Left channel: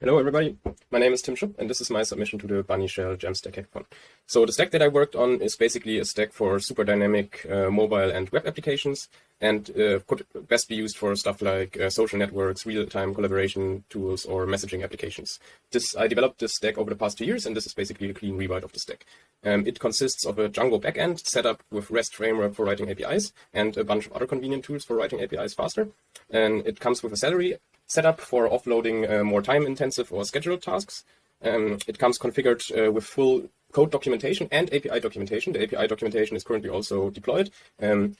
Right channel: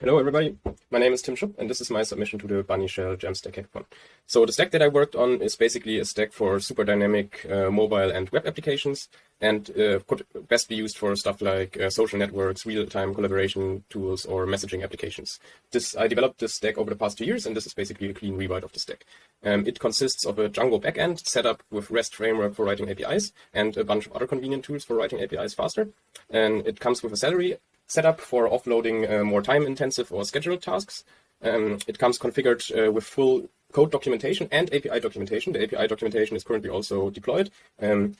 Hello everybody, my name is Tim Schupp and this is my submission to the Bunnyshell Jamstack hackathon. So the stack that I worked on is basically a stack for super dynamic mobile and web applications and could best be used for stuff like social networks, real-time collaboration tools or messaging applications. I developed this stack over the past 2 years and this is basically a clean rewrite of the stack. It consists of a Django backend set up with REST framework for writing APIs and a bunch of other convenient tools for writing APIs faster. And it comes with a salary setup for offloading more time-intensive or scheduled tasks. It comes configured with full code documentation and API documentation. The API documentation is currently also deployed.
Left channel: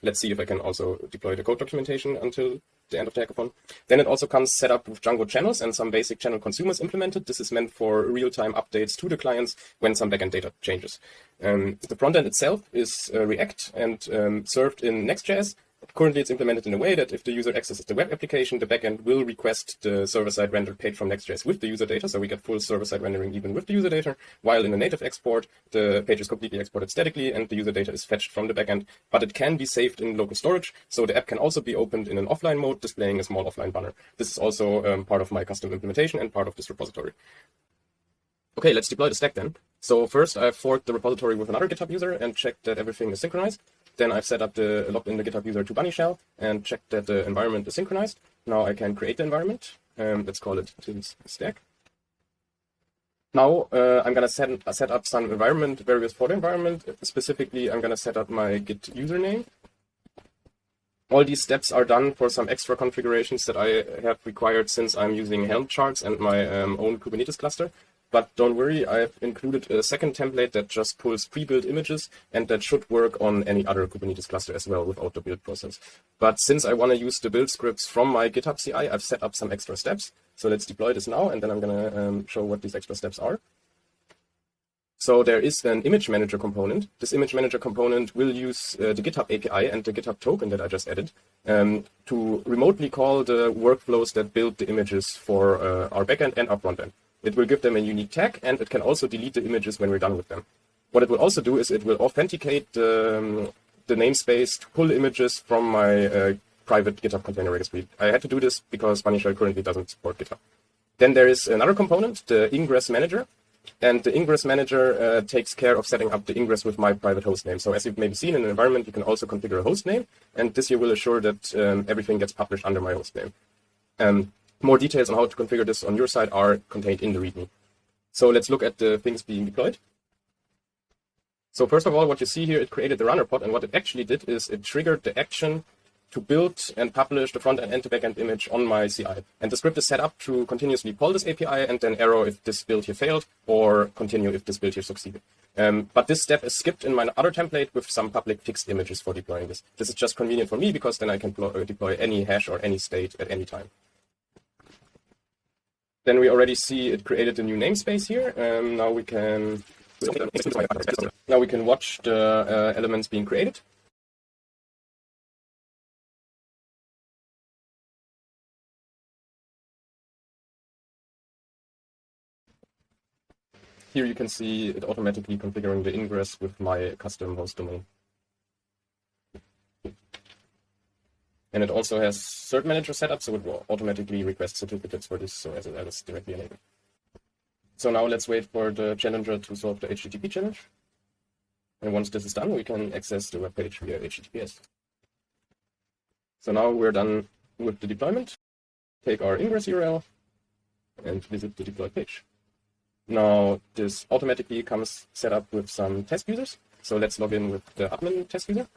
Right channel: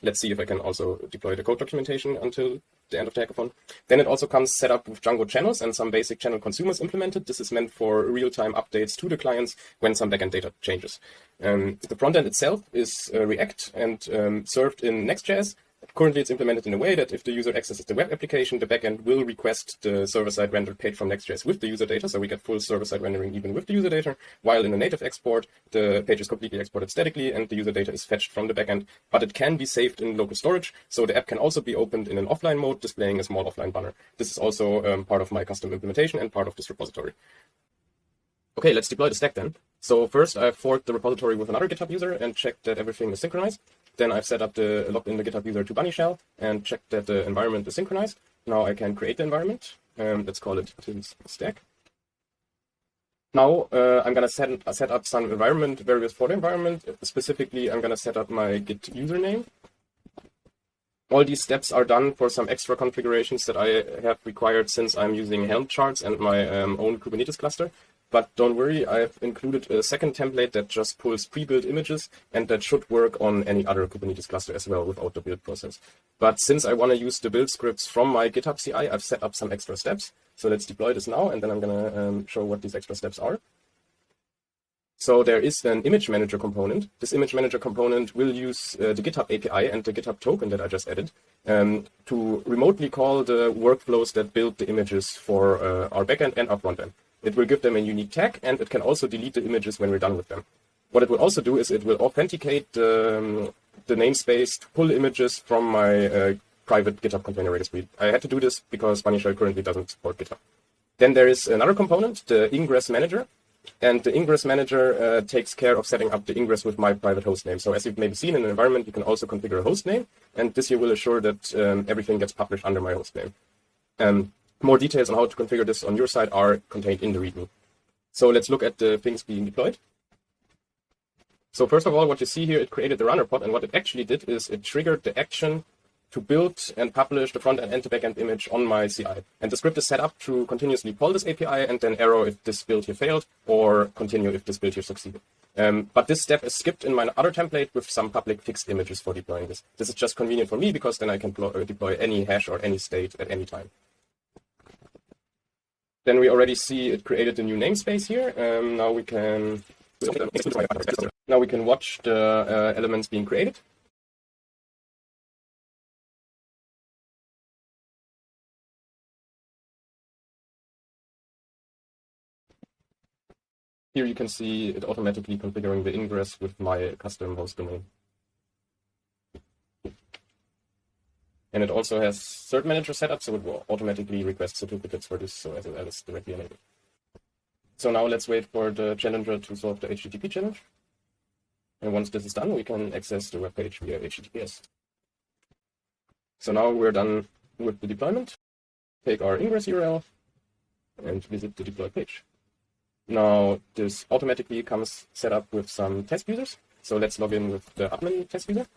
Let's see if I can also deploy the code documentation until the end of the hackathon. Then it also comes set up with Django channels and some basic channel consumers implemented. This is meant for real-time updates to the clients when some backend data changes. The frontend itself is React and served in Next.js. Currently, it's implemented in a way that if the user accesses the web application, the backend will request the server-side rendered page from Next.js with the user data, so we get full server-side rendering even with the user data, while in a native export, the page is completely exported statically and the user data is fetched from the backend, but it can be saved in local storage, so the app can also be opened in an offline mode, displaying a small offline banner. This is also part of my custom implementation and part of this repository. Okay, let's deploy the stack then. So first, I've forked the repository with another GitHub user and checked that everything is synchronized. Then I've set up logged in the GitHub user to Bunnyshell and checked that the environment is synchronized. Now I can create the environment. Let's call it Tim's stack. Now I'm going to set up some environment variables for the environment. Specifically, I'm going to set up my Git username. All these steps are done for some extra configurations that I have required since I'm using Helm charts and my own Kubernetes cluster. But don't worry, I've included a second template that just pulls pre-built images and that should work on any other Kubernetes cluster as well without the build process. But since I want to use the build scripts from my GitHub CI, I've set up some extra steps. So let's deploy this now and then I'm going to show what these extra steps are. So there is an image manager component. This image manager component will use the GitHub API and the GitHub token that I just added to remotely call the workflows that build the images for our backend and our frontend. It will give them a unique tag, and it can also delete the images when we're done with them. What it will also do is it will authenticate the namespace to pull images from my private GitHub container registry. I had to do this because Bunnyshell currently doesn't support GitHub. Then there is another component, the ingress manager. And the ingress manager takes care of setting up the ingress with my private hostname. So as you've maybe seen in an environment, you can also configure a hostname. And this here will assure that everything gets published under my hostname. More details on how to configure this on your side are contained in the README. So let's look at the things being deployed. So first of all, what you see here, it created the runner pod, and what it actually did is it triggered the action to build and publish the front-end and the back-end image on my CI. And the script is set up to continuously call this API and then arrow if this build here failed, or continue if this build here succeeded. But this step is skipped in my other template with some public fixed images for deploying this. This is just convenient for me because then I can deploy any hash or any state at any time. Then we already see it created a new namespace here. Now we can watch the elements being created. Here you can see it automatically configuring the ingress with my custom host domain. And it also has cert manager setup, so it will automatically request certificates for this as well as directly enabled. So now let's wait for the challenger to solve the HTTP challenge. And once this is done, we can access the web page via HTTPS. So now we're done with the deployment. Take our ingress URL and visit the deploy page. Now this automatically comes set up with some test users. So let's log in with the admin test user.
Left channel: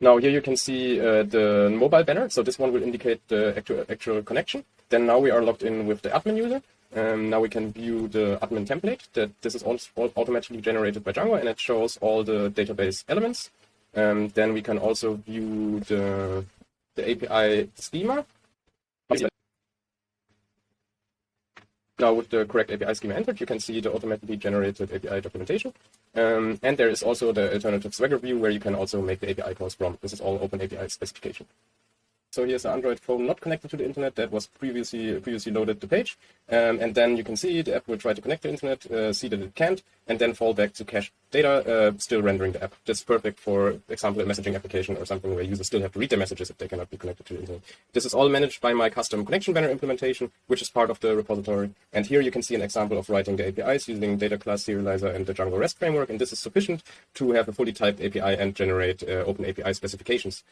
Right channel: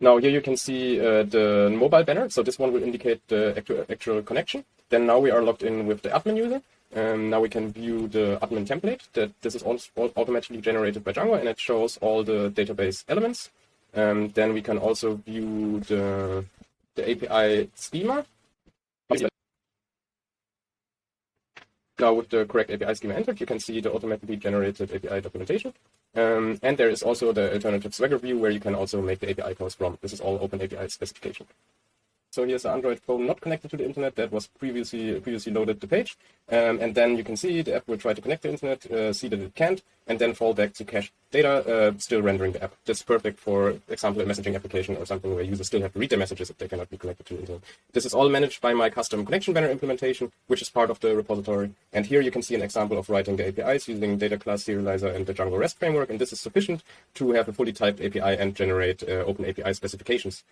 Now here you can see the mobile banner, so this one will indicate the actual connection. Then now we are logged in with the admin user. Now we can view the admin template. This is also automatically generated by Django and it shows all the database elements. Then we can also view the API schema. Now with the correct API schema entered, you can see the automatically generated API documentation. And there is also the alternative Swagger view where you can also make the API calls from. This is all open API specification. So So here's an Android phone not connected to the internet that was previously loaded the page. And then you can see the app will try to connect to the internet, see that it can't, and then fall back to cached data, still rendering the app. That's perfect for example, a messaging application or something where users still have to read their messages if they cannot be connected to the internet. This is all managed by my custom connection banner implementation, which is part of the repository. And here you can see an example of writing the APIs using data class serializer and the Django REST framework. And this is sufficient to have a fully typed API and generate open API specifications.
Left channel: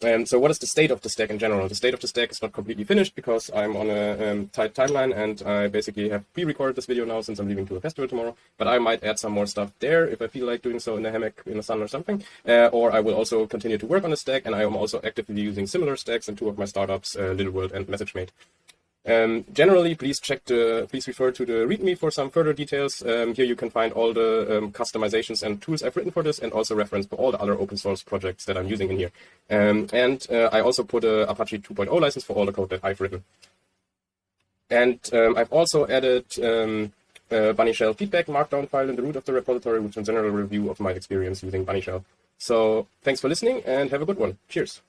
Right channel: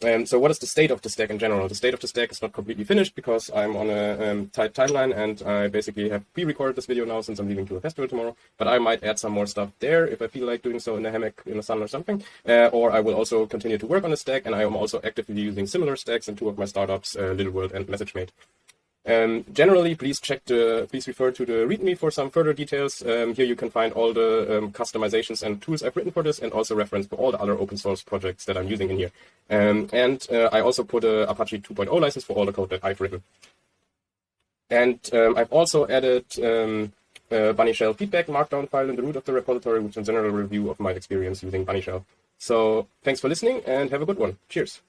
So what is the state of the stack in general? The state of the stack is not completely finished because I'm on a tight timeline, and I basically have pre-recorded this video now since I'm leaving to a festival tomorrow. But I might add some more stuff there if I feel like doing so in a hammock in the sun or something. Or I will also continue to work on the stack, and I am also actively using similar stacks in two of my startups, Little World and MessageMate. Generally, please refer to the README for some further details. Here you can find all the customizations and tools I've written for this, and also reference for all the other open source projects that I'm using in here. I also put a Apache 2.0 license for all the code that I've written. And I've also added Bunnyshell feedback markdown file in the root of the repository, which is a general review of my experience using Bunnyshell. So thanks for listening and have a good one. Cheers.